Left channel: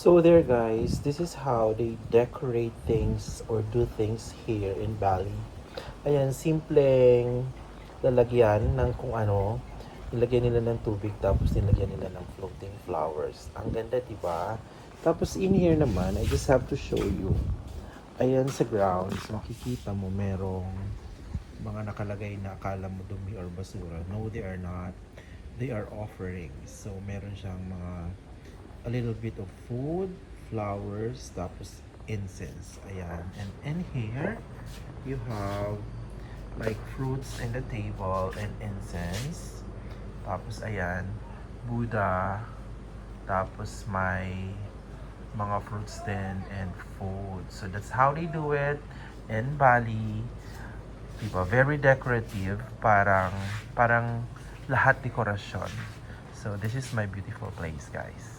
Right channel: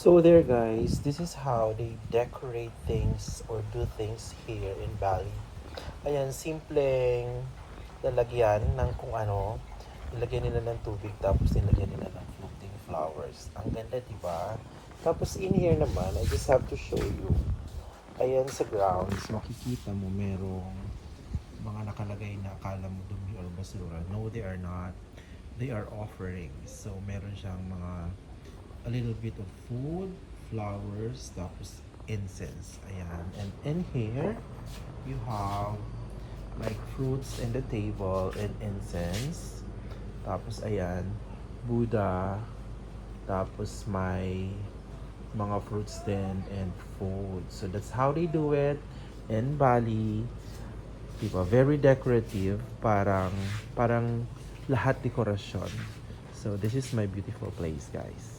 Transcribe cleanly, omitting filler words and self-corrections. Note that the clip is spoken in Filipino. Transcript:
So there guys, this is how they decorate things or do things here in Bali. Ayan, simpleng lalagyan ng kung ano. Nilagyan nila ng tubig tapos nilagyan nila ng floating flowers. Ang ganda, diba? Tapos in here naman, I just have to show you. Ayan sa grounds, makikita mo merong mga nakalagay na akala mo dumi or basura. No, they are not. They are offerings. So meron siyang mga a little bit of food, flowers, tapos incense. Ayan. And in here, you have like fruits in the table and incense. Tapos ayan, Buddha. Tapos may mga fruits din and food. So that's how they do it in Bali. Diba? Very decorative. Parang lahat dekorasyon. So this is my beautiful place, guys.